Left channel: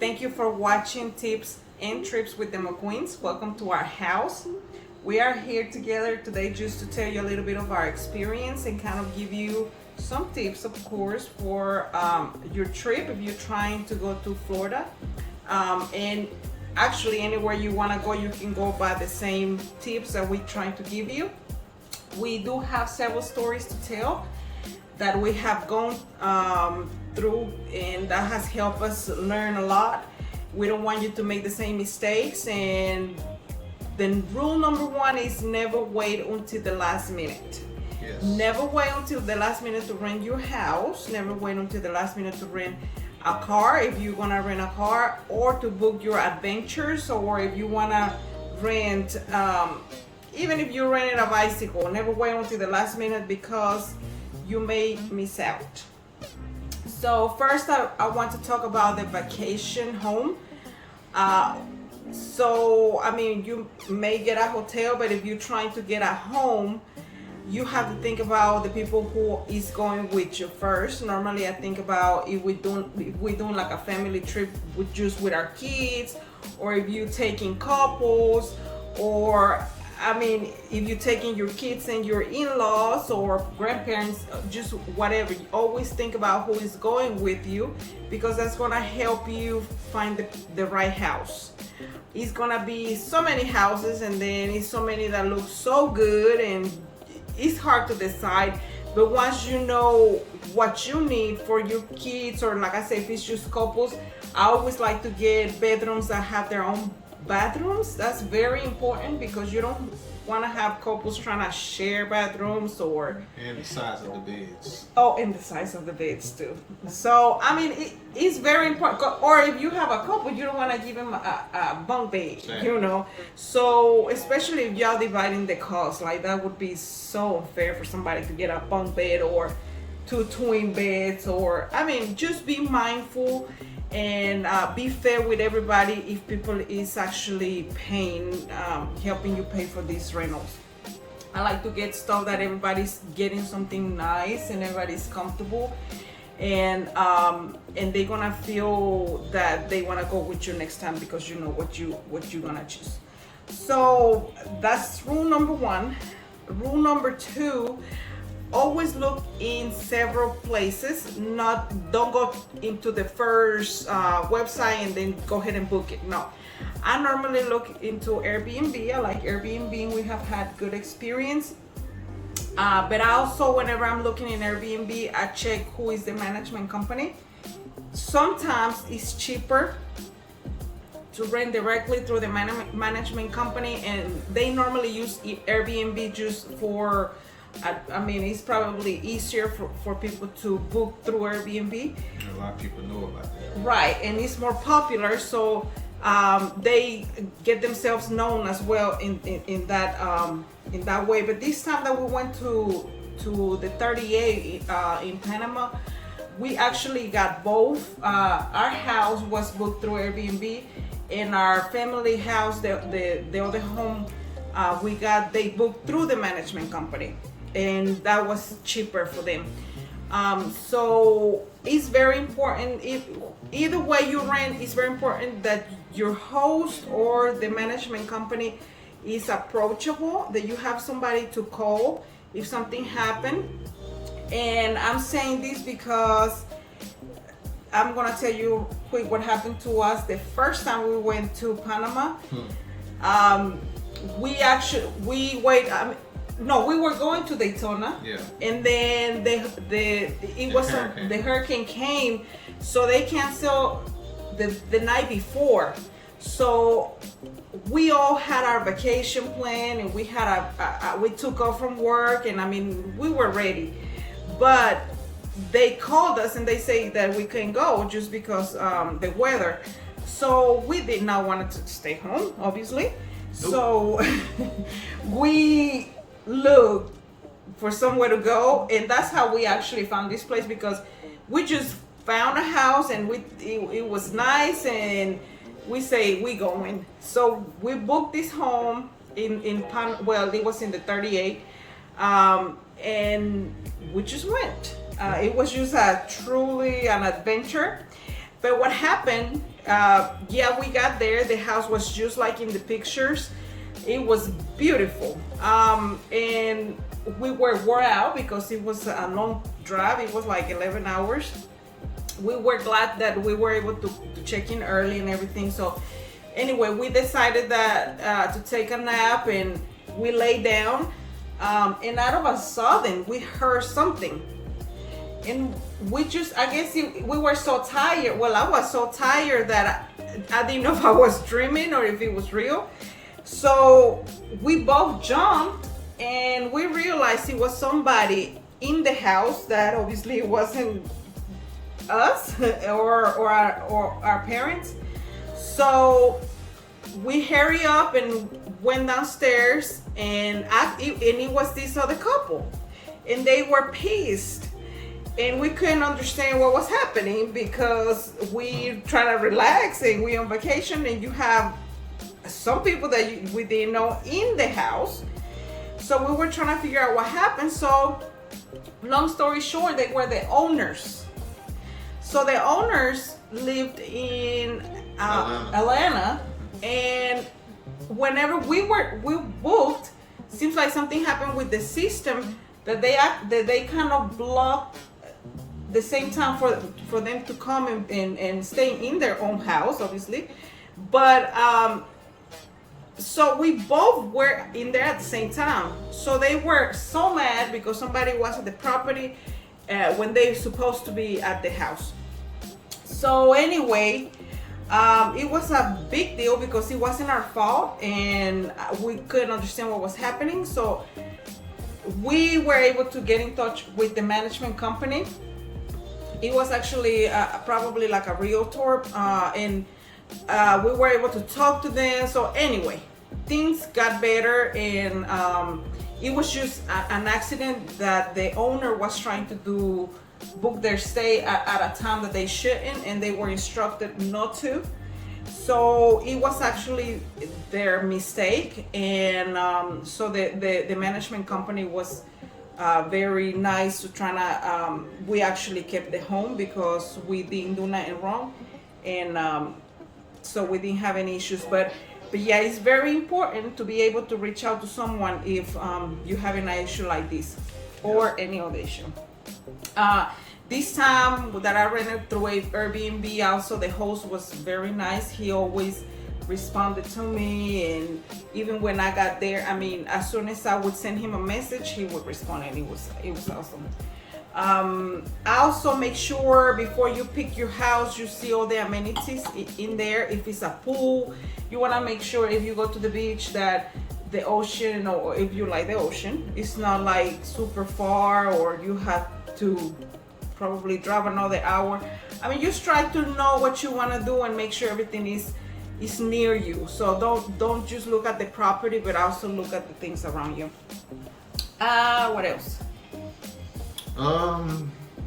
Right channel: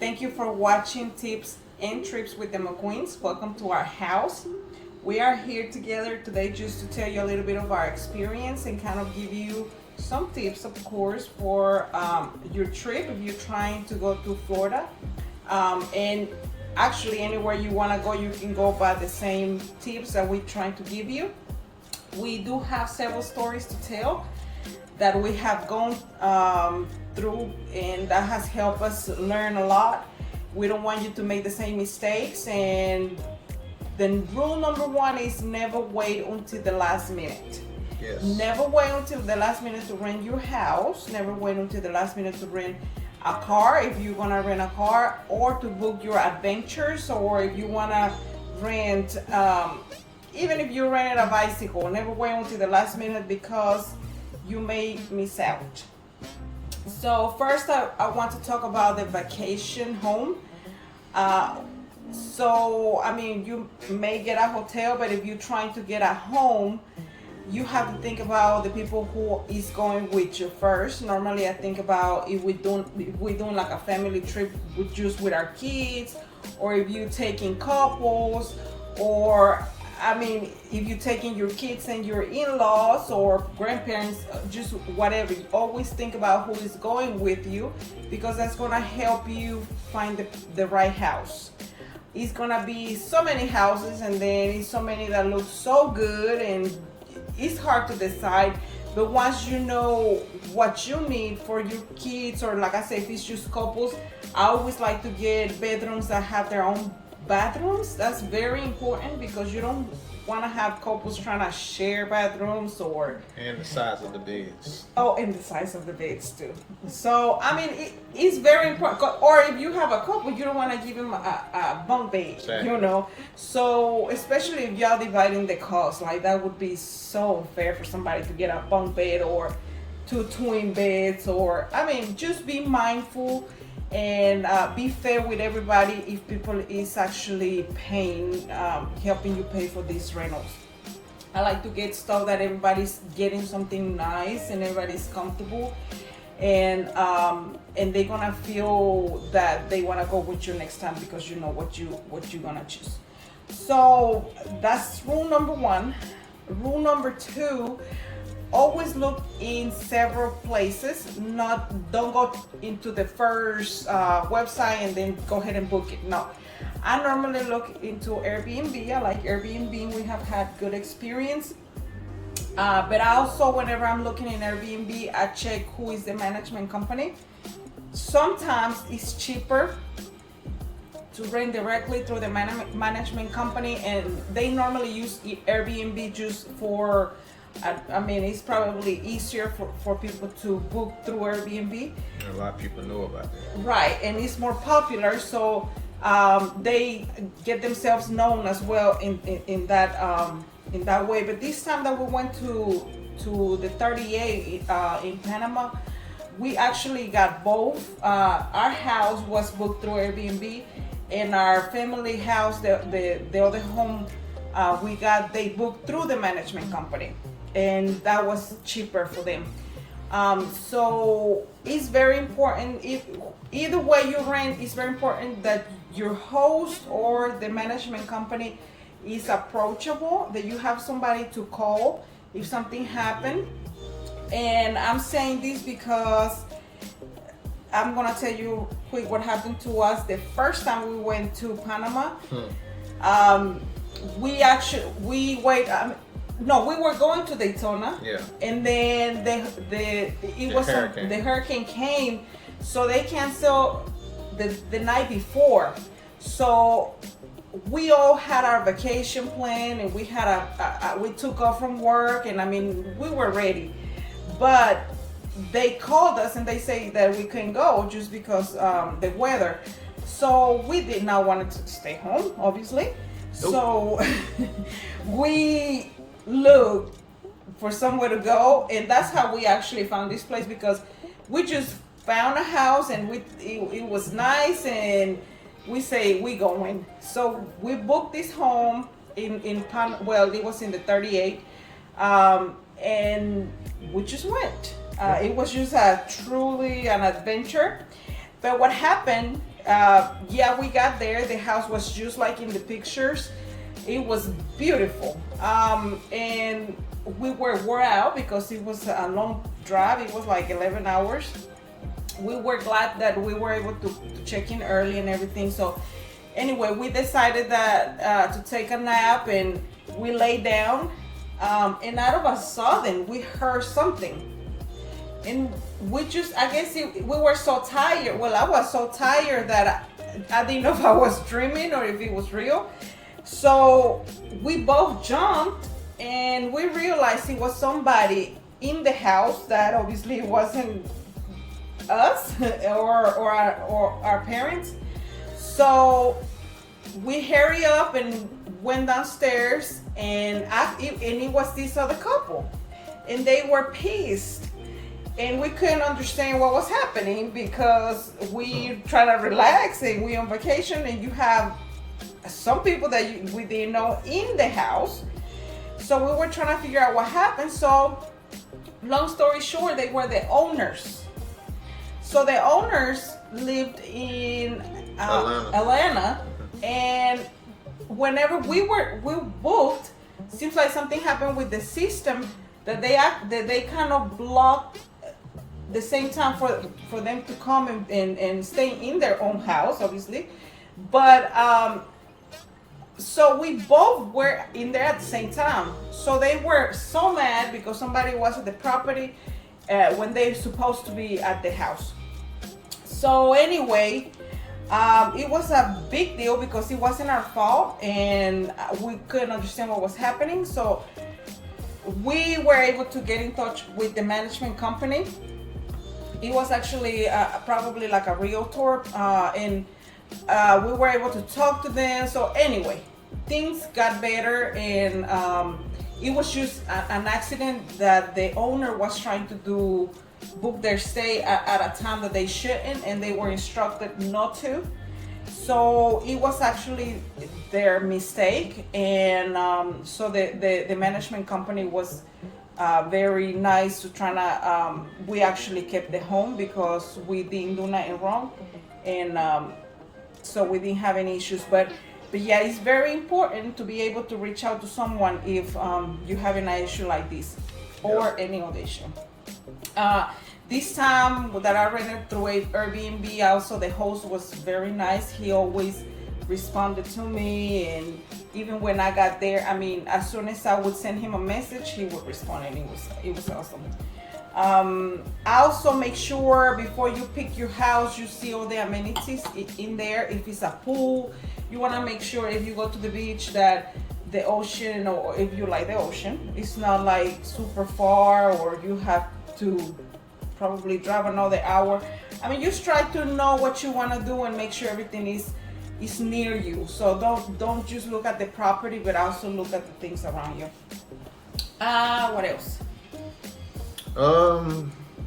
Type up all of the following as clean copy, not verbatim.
Thank you for watching Tips and Trips with the McQueens. Welcome to our house. We are here together today just to tell you a little bit of our experience and kind of give you some tips, of course, for your trip if you're trying to go to Florida. And actually, anywhere you want to go, you can go by the same tips that we're trying to give you. We do have several stories to tell that we have gone through, and that has helped us learn a lot. We don't want you to make the same mistakes. And then rule number one is never wait until the last minute. Yes. Never wait until the last minute to rent your house. Never wait until the last minute to rent a car if you're gonna rent a car, or to book your adventures, or if you wanna rent, even if you rented a bicycle, never wait until the last minute because you may miss out. So first, I want to talk about the vacation home. You may get a hotel, but if you're trying to get a home, you have to think about the people who is going with you first. Normally, I think about if we're doing like a family trip with our kids, or if you're taking couples, or if you're taking your kids and your in-laws or grandparents, just whatever, you always think about who is going with you, because that's gonna help you find the right house. It's gonna be so many houses, and then it's so many that look so good, and it's hard to decide. But once you know what you need for your kids, or like I said, if it's just couples, I always like to get bedrooms that have their own bathrooms. That's very important, because you don't want to have couples trying to share bathrooms, And the size of the beds. and the size of the beds too. So it's very important. Or if you have a couple, you don't want to give them a bunk bed. Exactly. So especially if y'all dividing the cost, like that would be so unfair for somebody to get a bunk bed or two twin beds, or just be mindful and be fair with everybody. If people is actually paying, helping you pay for these rentals, I like to get stuff that everybody's getting something nice and everybody's comfortable, and they're gonna feel that they want to go with you next time, because you know what you're gonna choose. So that's rule number one. Rule number two: always look in several places. Don't go into the first website and then go ahead and book it. No, I normally look into Airbnb. I like Airbnb. We have had good experience. But also, whenever I'm looking in Airbnb, I check who is the management company. Sometimes it's cheaper to rent directly through the management company, and they normally use Airbnb just for, it's probably easier for people to book through Airbnb. And a lot of people know about that. Right, and it's more popular, so they get themselves known as well in that way. But this time that we went to the 38 in Panama, we actually got both. Our house was booked through Airbnb, and our family house, the other home, they booked through the management company, and that was cheaper for them. So it's very important. Either way you rent, it's very important that your host or the management company is approachable, that you have somebody to call if something happened. And I'm saying this because I'm gonna tell you quick what happened to us the first time we went to Panama. We were going to Daytona. Yeah. And then the hurricane came, so they canceled the night before. So we all had our vacation plan, and we took off from work, and we were ready. But they called us and they say that we couldn't go just because the weather. So we did not want to stay home, obviously. Nope. So we looked for somewhere to go, and that's how we actually found this place, because we just found a house, and it was nice, and we say we going. So we booked this home it was in the 38, and we just went. It was just truly an adventure. But what happened, yeah, we got there. The house was just like in the pictures. It was beautiful. And we were wore out because it was a long drive. It was like 11 hours. We were glad that we were able to check in early and everything. So anyway, we decided that to take a nap, and we lay down. And out of a sudden, we heard something. And we just, I guess we were so tired. Well, I was so tired that I didn't know if I was dreaming or if it was real. So we both jumped, and we realized it was somebody in the house that obviously wasn't us or our parents. So we hurry up and went downstairs, and it was this other couple, and they were pissed, and we couldn't understand what was happening because we try to relax and we on vacation, and you have some people that we didn't know in the house. So we were trying to figure out what happened. So long story short, they were the owners. So the owners lived in Atlanta, and whenever we booked, seems like something happened with the system that they kind of blocked the same time for them to come and stay in their own house, obviously. But so we both were in there at the same time. So they were so mad because somebody was at the property when they're supposed to be at the house. So anyway, it was a big deal because it wasn't our fault, and we couldn't understand what was happening. So we were able to get in touch with the management company. It was actually probably like a realtor, and we were able to talk to them. So anyway, things got better, and it was just an accident that the owner was trying to book their stay at a time that they shouldn't, and they were instructed not to. So it was actually their mistake, and so the management company was very nice to try to. We actually kept the home because we didn't do nothing wrong, and so we didn't have any issues. But yeah, it's very important to be able to reach out to someone if you have an issue like this or any other issue. This time that I rented through Airbnb, also the host was very nice. He always responded to me, and even when I got there, I mean, as soon as I would send him a message, he would respond, and it was awesome. I also make sure before you pick your house, you see all the amenities in there. If it's a pool, you want to make sure if you go to the beach that the ocean, or if you like the ocean, it's not like super far, or you have to probably drive another hour. I mean, just try to know what you want to do and make sure everything is near you. So don't just look at the property, but also look at the things around you. What else?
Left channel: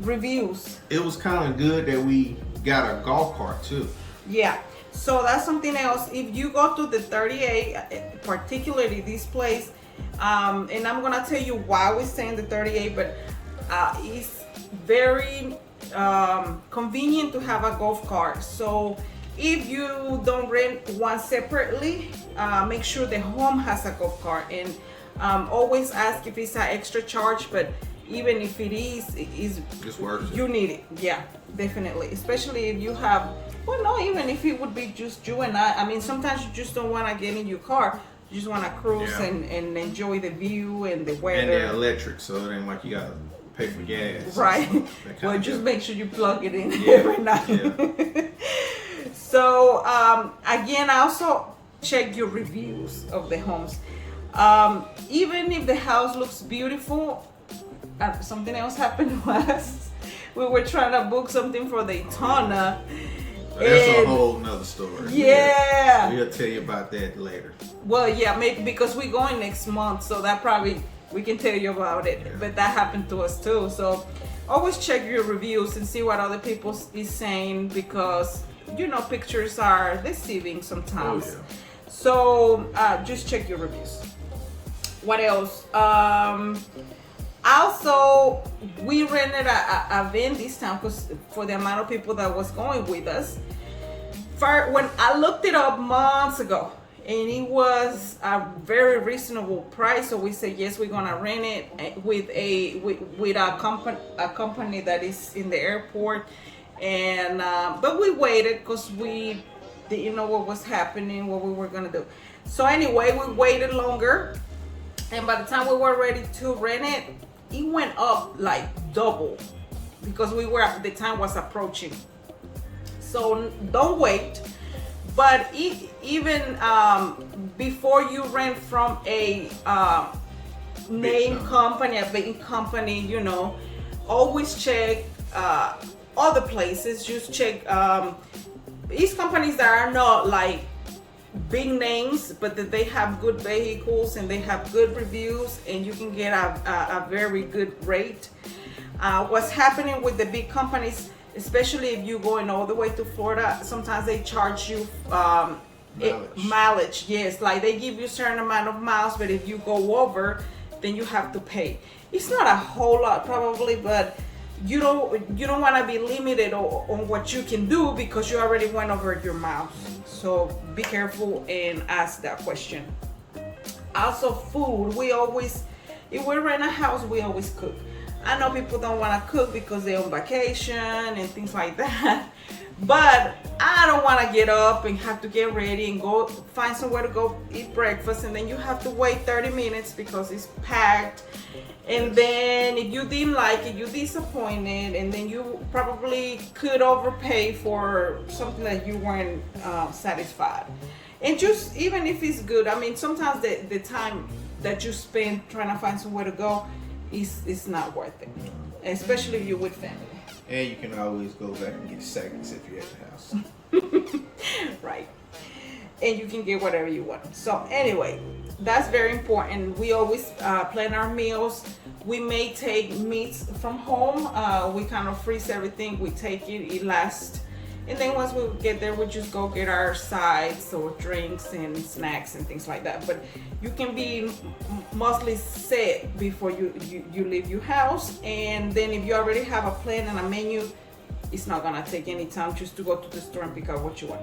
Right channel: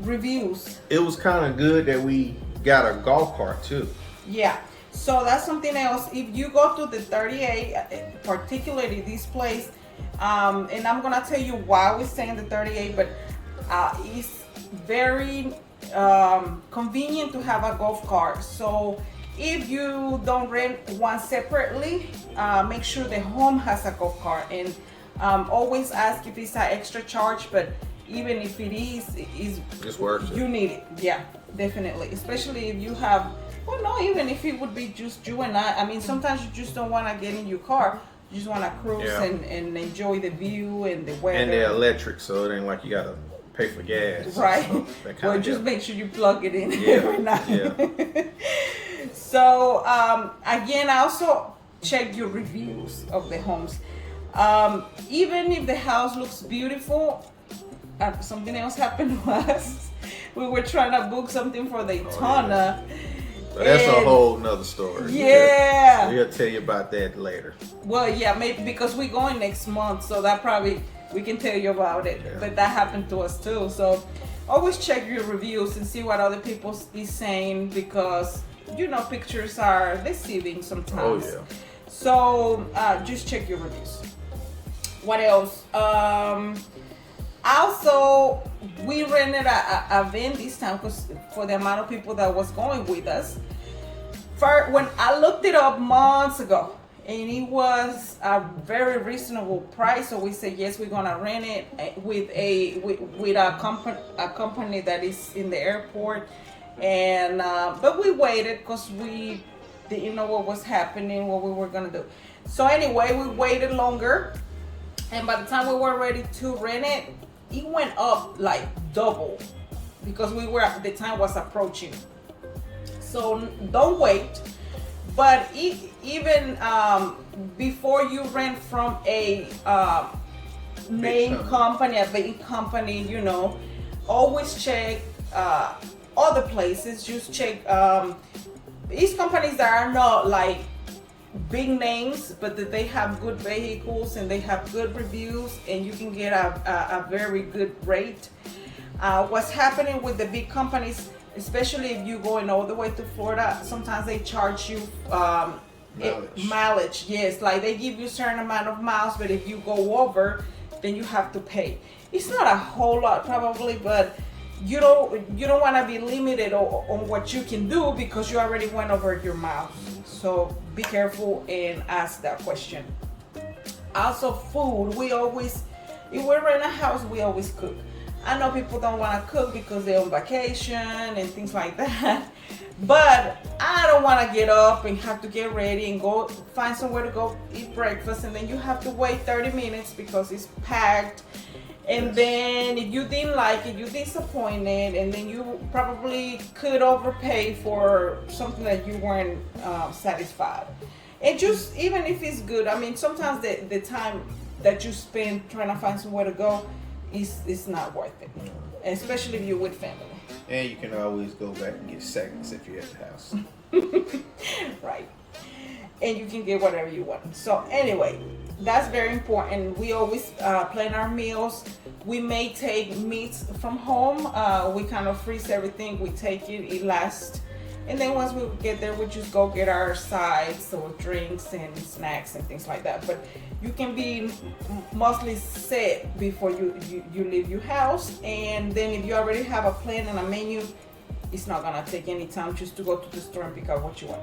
Reviews. It was kind of good that we got a golf cart too. Yeah. So that's something else. If you go to the 38, particularly this place, and I'm gonna tell you why we stay in the 38, but it's very convenient to have a golf cart. So if you don't rent one separately, make sure the home has a golf cart, and always ask if it's an extra charge. But even if it is, it's worth it. You need it. Yeah, definitely. Especially if you have, well, no, even if it would be just you and I mean, sometimes you just don't want to get in your car. You just want to cruise and enjoy the view and the weather. And they're electric, so it ain't like you got to pay for gas. Right. Well, just make sure you plug it in every night. Yeah. So, again, I also check your reviews of the homes. Even if the house looks beautiful, something else happened to us. We were trying to book something for Daytona. But that's a whole nother story. Yeah. We'll tell you about that later. Well, yeah, maybe because we're going next month, so that probably we can tell you about it. Yeah. But that happened to us too. So always check your reviews and see what other people is saying, because pictures are deceiving sometimes. Oh, yeah. So just check your reviews. What else? Also, we rented a van this time because for the amount of people that was going with us. when I looked it up months ago, and it was a very reasonable price, so we said yes, we're gonna rent it with a company that is in the airport, and but we waited because we didn't know what was happening, what we were gonna do. So anyway, we waited longer, and by the time we were ready to rent it, it went up like double because the time was approaching. So don't wait. But even before you rent from a name company, a big company, you know, always check other places. Just check these companies that are not like big names, but that they have good vehicles and they have good reviews, and you can get a very good rate. What's happening with the big companies, especially if you're going all the way to Florida, sometimes they charge you mileage. Yes, like they give you a certain amount of miles, but if you go over, then you have to pay. It's not a whole lot probably, but you don't want to be limited on what you can do because you already went over your miles. So be careful and ask that question. Also, food. If we rent a house, we always cook. I know people don't want to cook because they're on vacation and things like that, but I don't want to get up and have to get ready and go find somewhere to go eat breakfast, and then you have to wait 30 minutes because it's packed. And then if you didn't like it, you're disappointed, and then you probably could overpay for something that you weren't satisfied. And just even if it's good, I mean, sometimes the time that you spend trying to find somewhere to go, it's not worth it, especially if you're with family. And you can always go back and get seconds if you're at the house. Right. And you can get whatever you want. So anyway, that's very important. We always plan our meals. We may take meats from home. We kind of freeze everything. We take it lasts. And then once we get there, we just go get our sides or drinks and snacks and things like that. But you can be mostly set before you leave your house. And then if you already have a plan and a menu, it's not gonna take any time just to go to the store and pick out what you want.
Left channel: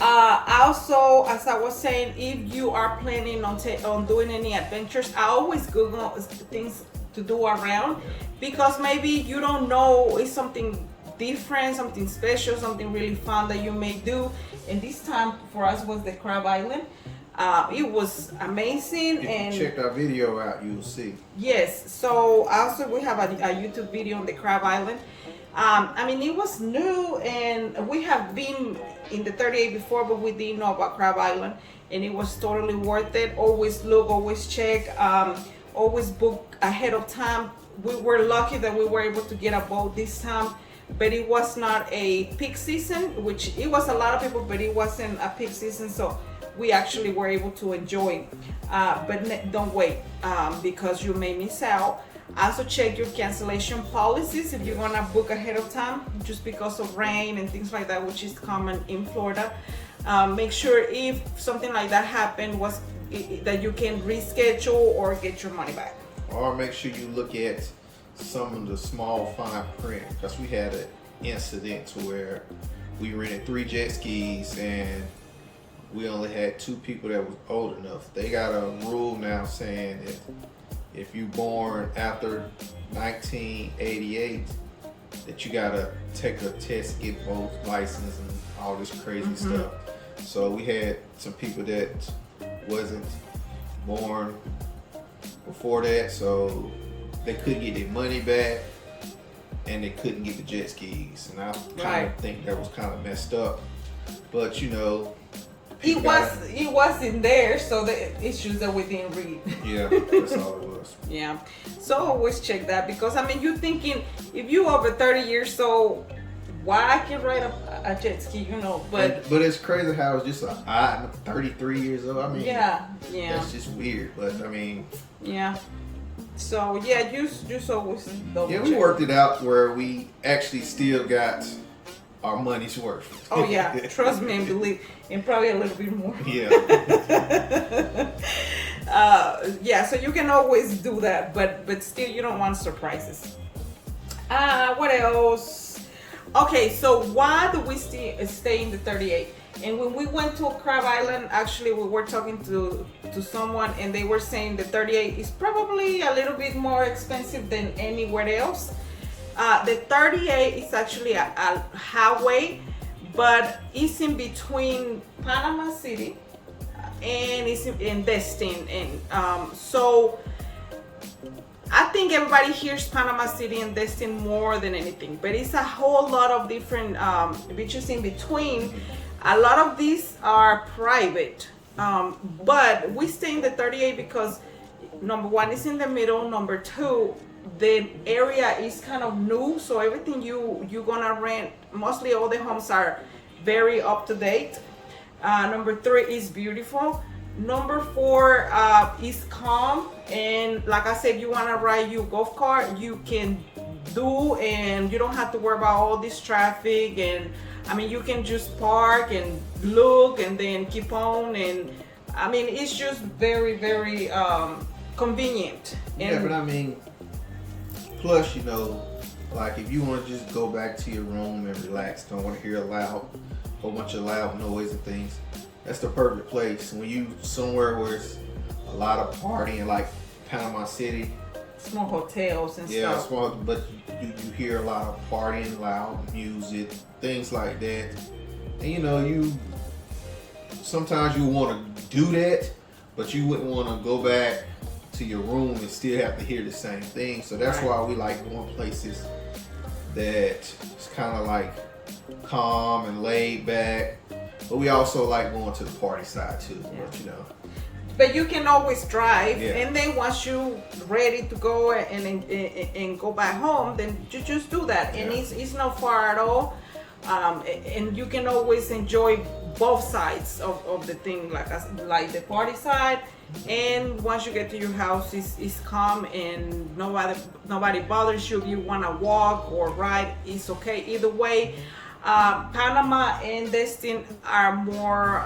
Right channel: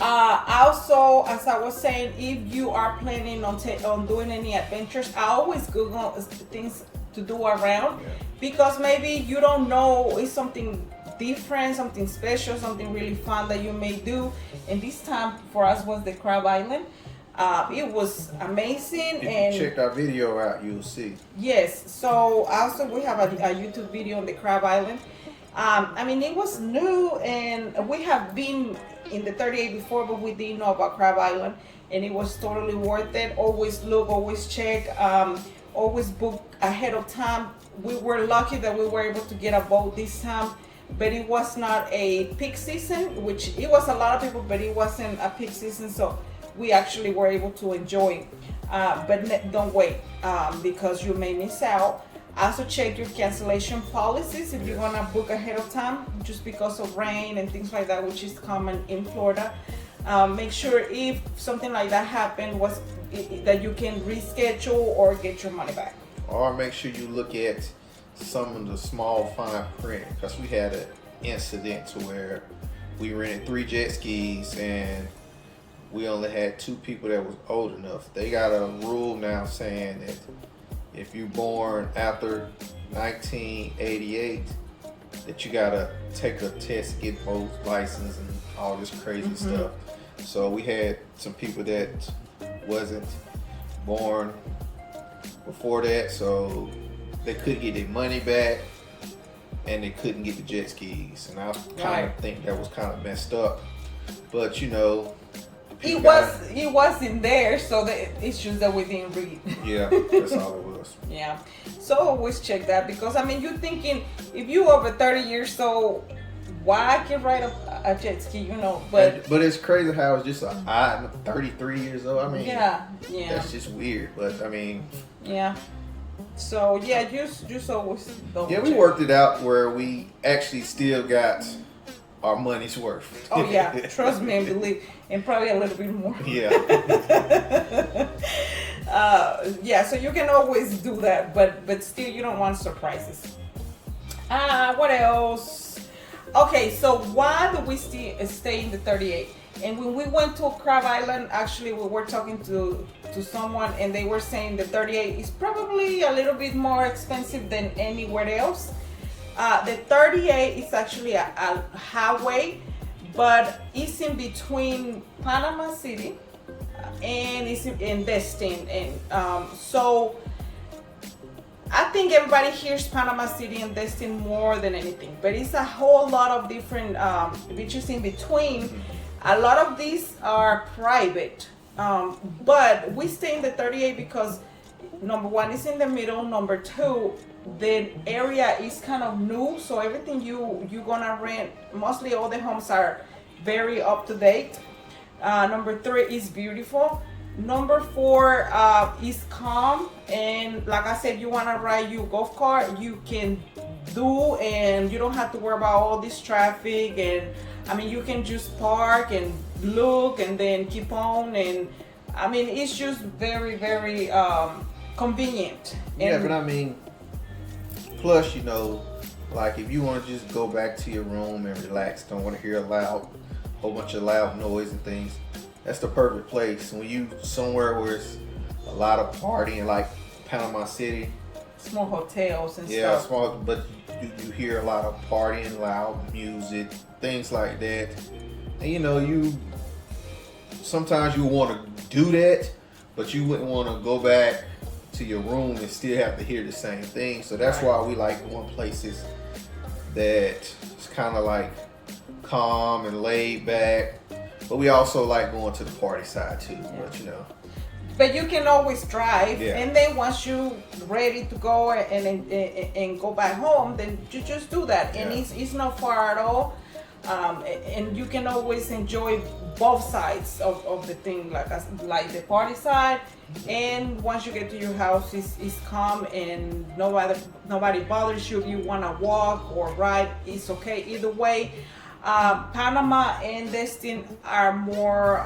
Also, as I was saying, if you are planning on doing any adventures, I always Google things to do around, because maybe you don't know, it's something different, something special, something really fun that you may do. And this time for us was the Crab Island. It was amazing. If and you check our video out, you'll see. Yes, so also we have a YouTube video on the Crab Island. I mean, it was new, and we have been in the 38 before, but we didn't know about Crab Island, and it was totally worth it. Always look, always check, always book ahead of time. We were lucky that we were able to get a boat this time, but it was not a peak season, which it was a lot of people, but it wasn't a peak season, so we actually were able to enjoy. But don't wait, because you may miss out. Also check your cancellation policies if you're gonna book ahead of time, just because of rain and things like that, which is common in Florida. Make sure if something like that happened, that you can reschedule or get your money back. Or make sure you look at some of the small fine print, because we had an incident to where we rented 3 jet skis and we only had 2 people that was old enough. They got a rule now saying that if you born after 1988, that you gotta take a test, get both license and all this crazy stuff. So we had some people that wasn't born before that, so they couldn't get their money back and they couldn't get the jet skis. And I kind of think that was kind of messed up. But you know, it wasn't there, so the issues that we didn't read. Yeah, that's all it was. Yeah, so always check that, because I mean, you're thinking if you over 30 years old, why I can ride a jet ski, you know? But it's crazy how it's just I'm 33 years old. I mean, yeah, that's just weird. But I mean, yeah. So yeah, just always double check. We worked it out where we actually still got our money's worth. Oh yeah, trust me and believe, and probably a little bit more. Yeah. Yeah, so you can always do that, but still you don't want surprises. What else? Okay, so why do we stay in the 38? And when we went to Crab Island, actually we were talking to someone, and they were saying the 38 is probably a little bit more expensive than anywhere else. The 38 is actually a highway, but it's in between Panama City and it's in Destin, and so I think everybody hears Panama City and Destin more than anything, but it's a whole lot of different beaches in between. A lot of these are private, but we stay in the 38 because number one, it's in the middle. Number two, the area is kind of new, so everything you're gonna rent, mostly all the homes are very up to date. Number three is beautiful. Number four is calm, and like I said, you want to ride your golf cart, you can do, and you don't have to worry about all this traffic. And I mean, you can just park and look and then keep on, and I mean, it's just very, very convenient. Yeah, And but I mean, plus, you know, like if you want to just go back to your room and relax, don't want to hear a whole bunch of loud noise and things, that's the perfect place. When you somewhere where it's a lot of partying, like Panama City, small hotels and yeah, stuff. small, but you hear a lot of partying, loud music, things like that. And you know, sometimes you want to do that, but you wouldn't want to go back to your room and still have to hear the same thing. So that's Right. why we like going places that it's kind of like calm and laid back. But we also like going to the party side too. But you know, But you can always drive, Yeah. and then once you ready to go and go back home, then you just do that, and Yeah. it's not far at all. And you can always enjoy both sides of the thing, like the party side, and once you get to your house, it's calm and nobody bothers you. If you want to walk or ride, it's okay either way. Panama and Destin are more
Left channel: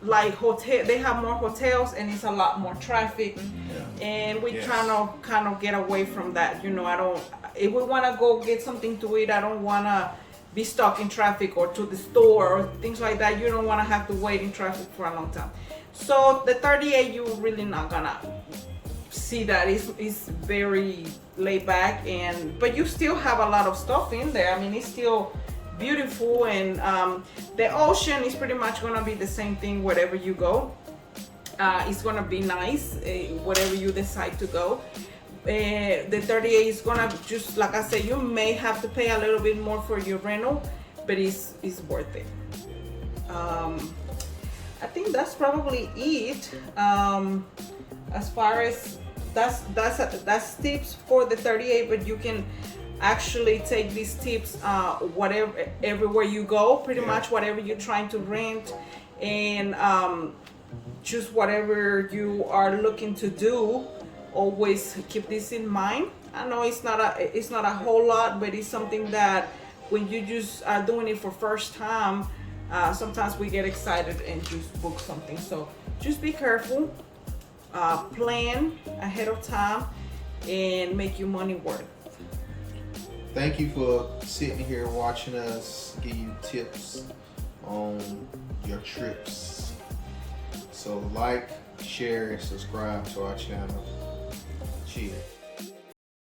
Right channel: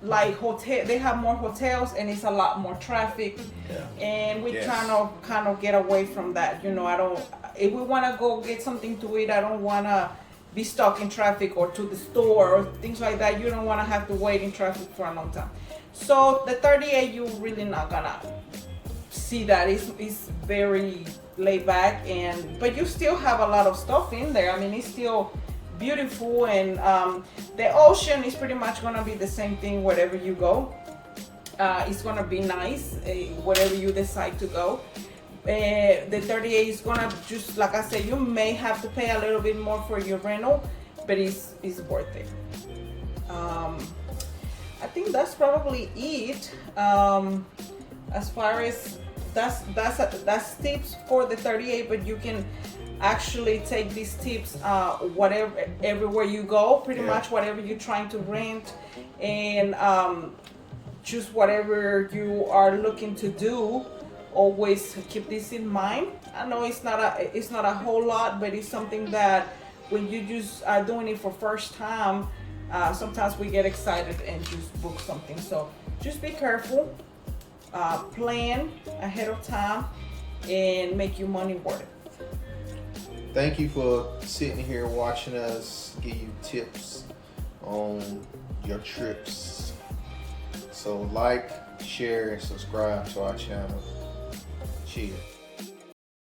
like hotel. They have more hotels, and it's a lot more traffic. Yeah. And we're Yes. trying to kind of get away from that. You know, I don't. If we want to go get something to eat, I don't want to be stuck in traffic, or to the store or things like that. You don't want to have to wait in traffic for a long time. So the 38, you're really not gonna see that. It's very laid back, but you still have a lot of stuff in there. I mean, it's still beautiful, and the ocean is pretty much gonna be the same thing wherever you go. It's gonna be nice, whatever you decide to go. The 38 is gonna, just like I said, you may have to pay a little bit more for your rental, but it's worth it. I think that's probably it. As far as that's tips for the 38, but you can actually take these tips everywhere you go, pretty much whatever you're trying to rent, and just whatever you are looking to do. Always keep this in mind. I know it's not a whole lot, but it's something that when you just are doing it for first time, sometimes we get excited and just book something. So just be careful, plan ahead of time, and make your money worth. thank you for sitting here watching us give you tips on your trips. So like, share, and subscribe to our channel. Cheers.